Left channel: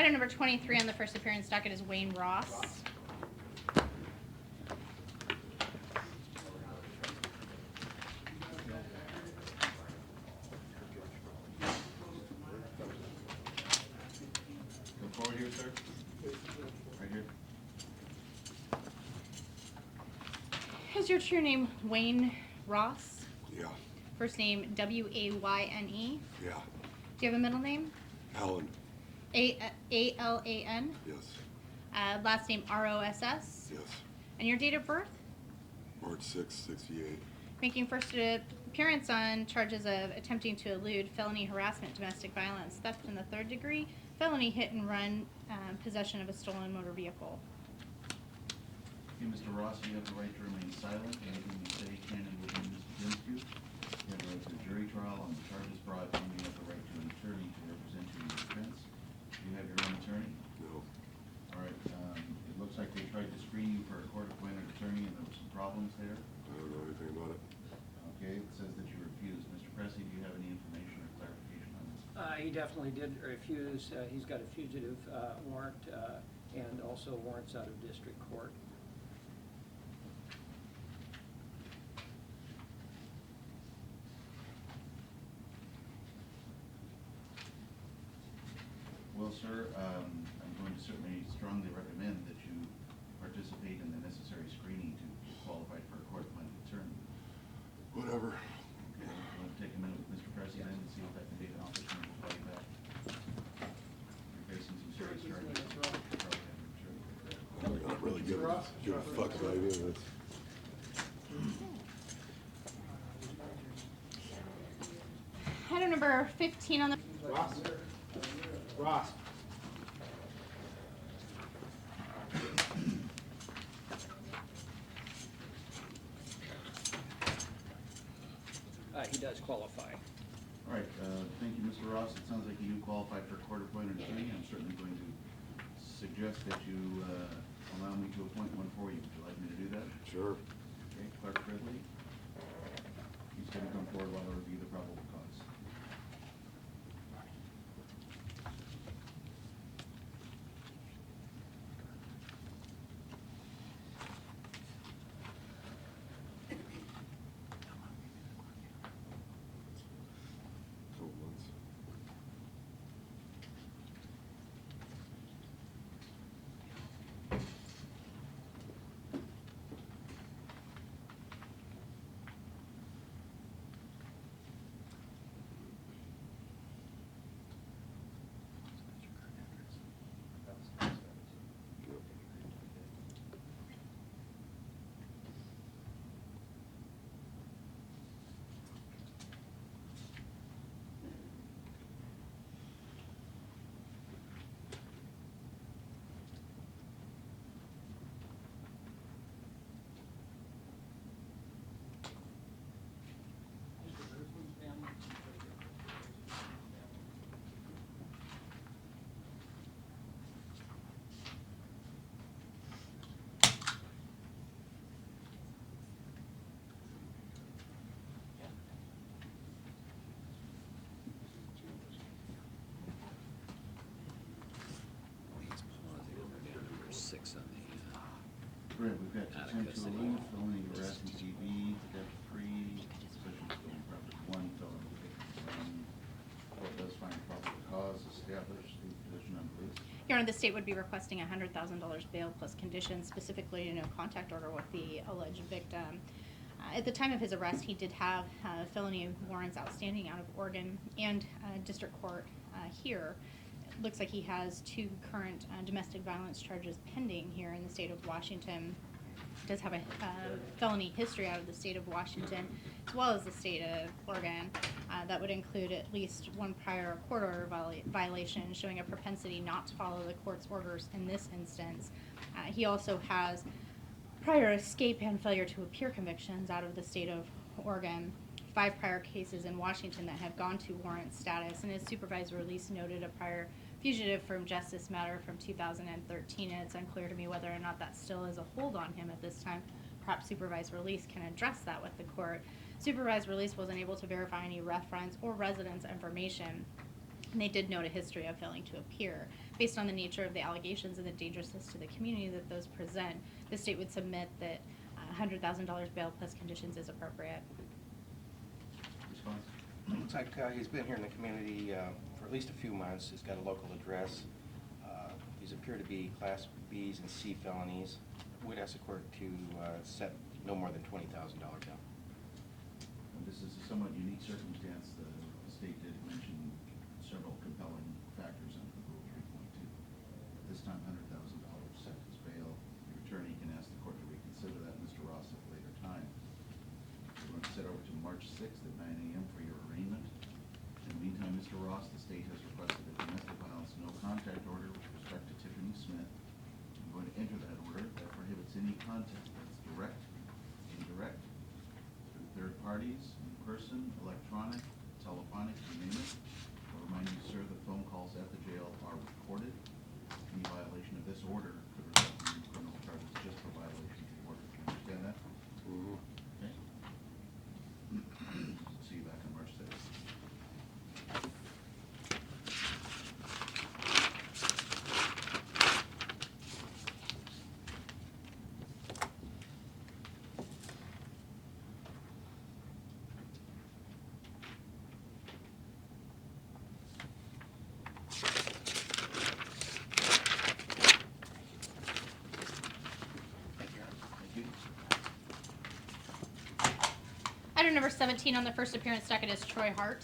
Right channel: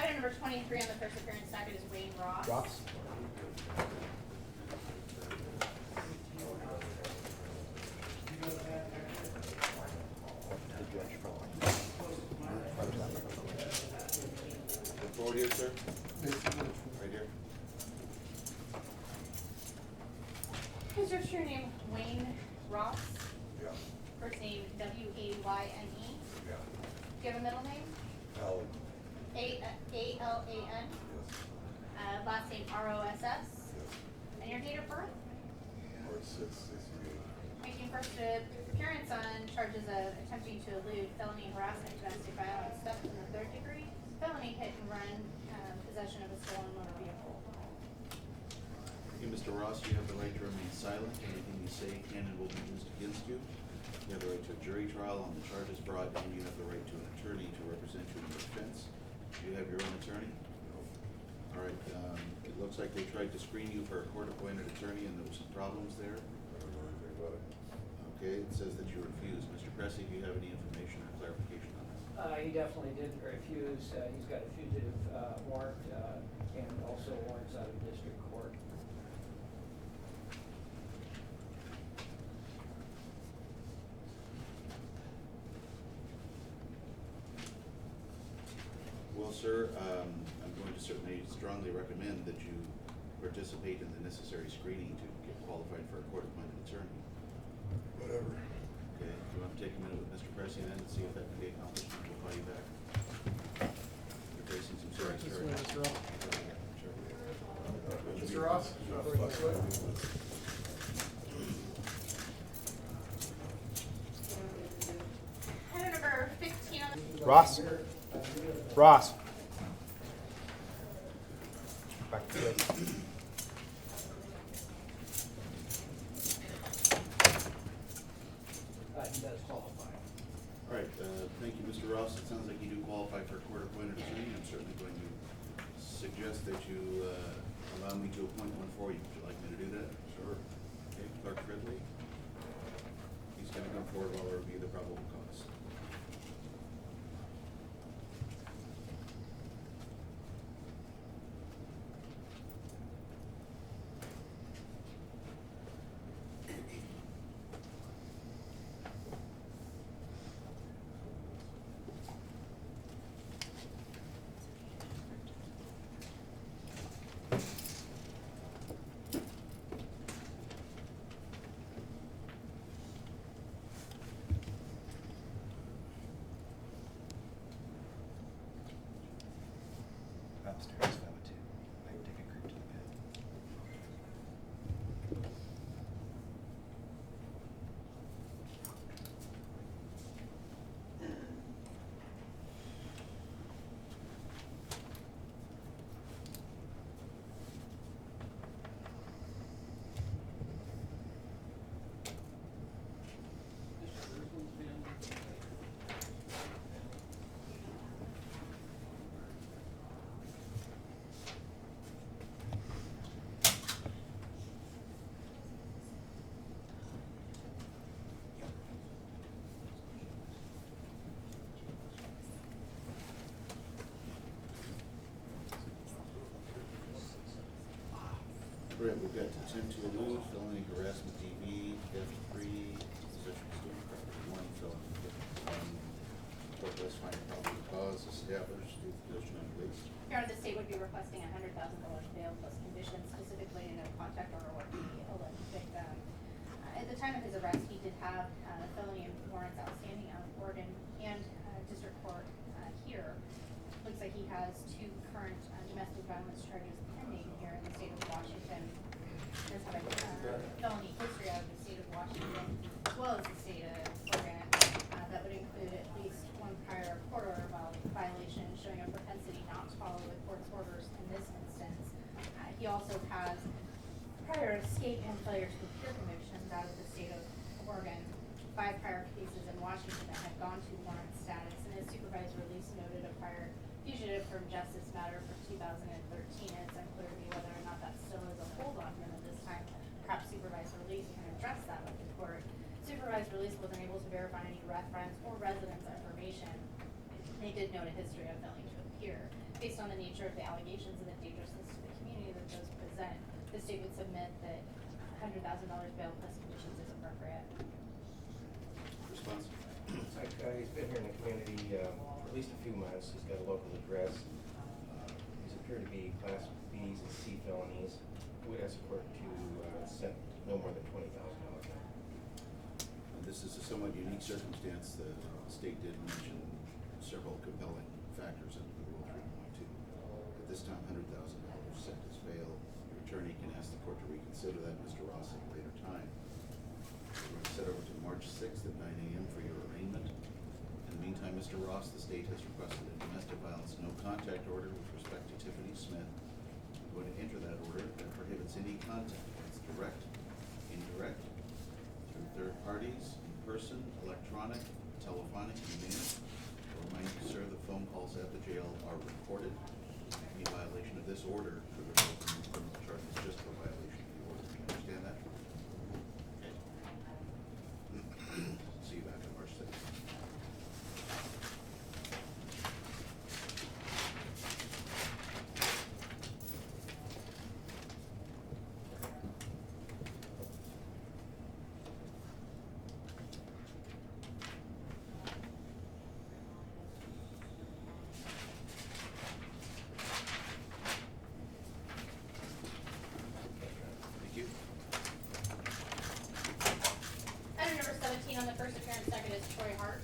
Item number 23 on the first appearance docket is Wayne Ross. Come forward here, sir. Right here. Is your true name Wayne Ross? Yeah, First name W-A-Y-N-E. yeah. Do you have a middle name? Alan, A-L-A-N. yes, Last name R-O-S-S. yes. And your date of birth? March 6, 68. Making first appearance on charges of attempting to elude, felony harassment, domestic violence, theft in the third degree, felony hit and run, possession of a stolen motor vehicle. Okay, Mr. Ross, you have the right to remain silent. Anything you say can and will be used against you. You have the right to a jury trial on the charges brought, and you have the right to an attorney to represent you in your defense. Do you have your own attorney? No, All right, it looks like they tried to screen you for a court-appointed attorney, and there was some problems there. I don't know anything about it. Okay, it says that you refused. Mr. Cressy, do you have any information or clarification on this? He definitely did refuse. He's got a fugitive warrant and also warrants out of district court. Well, sir, I'm going to certainly strongly recommend that you participate in the necessary screening to get qualified for a court-appointed attorney. Whatever. Okay, you want to take a minute with Mr. Cressy then and see if that can be an accomplishment? We'll call you back. You're facing some serious charges. Not really Mr. being- Ross? You're a fuck baby, and it's- Item number 15 on the Ross. Ross. Back to this. He does qualify. All right, thank you, Mr. Ross. It sounds like you do qualify for a court-appointed attorney. I'm certainly going to suggest that you allow me to appoint one for you. Would you like me to do that? Sure. Okay, Clerk Fridley. He's going to come forward while I review the probable cause. Upstairs, that would too. They would take a group to the bed. Mr. Kirkland's been. Brett, we've got attempt to elude, felony harassment, DV, theft three, possession of stolen property, one felony. Court does find a probable cause established, the position on police. Your Honor, the state would be requesting $100,000 bail plus conditions, specifically a no contact order with the alleged victim. At the time of his arrest, he did have felony warrants outstanding out of Oregon and district court here. It looks like he has 2 current domestic violence charges pending here in the state of Washington. He does have a felony history out of the state of Washington as well as the state of Oregon. That would include at least 1 prior court order violation showing a propensity not to follow the court's orders in this instance. He also has prior escape and failure to appear convictions out of the state of Oregon, 5 prior cases in Washington that have gone to warrant status, and his supervised release noted a prior fugitive from justice matter from 2013, and it's unclear to me whether or not that still is a hold on him at this time. Perhaps supervised release can address that with the court. Supervised release wasn't able to verify any reference or residence information, and they did note a history of failing to appear. based on the nature of the allegations and the dangerousness to the community that those present, the state would submit that $100,000 bail plus conditions is appropriate. Response? Looks like he's been here in the community for at least a few months. He's got a local address. These appear to be Class Bs and C felonies. We'd ask the court to set no more than $20,000 bail. This is a somewhat unique circumstance. The state did mention several compelling factors into the Rule 3.2. At this time, $100,000 set as bail. Your attorney can ask the court to reconsider that, Mr. Ross, at a later time. We're going to set over to March 6th at 9 a.m. for your arraignment. In the meantime, Mr. Ross, the state has requested a domestic violence no contact order with respect to Tiffany Smith. I'm going to enter that order that prohibits any contact. It's direct, indirect, through third parties, in person, electronic, telephonic, you name it. I'll remind you, sir, the phone calls at the jail are recorded. Any violation of this order could result in criminal charges just for violation of the order. Do you understand that? Okay. See you back on March 6th. Thank you. Item number 17 on the first appearance docket is Troy Hart.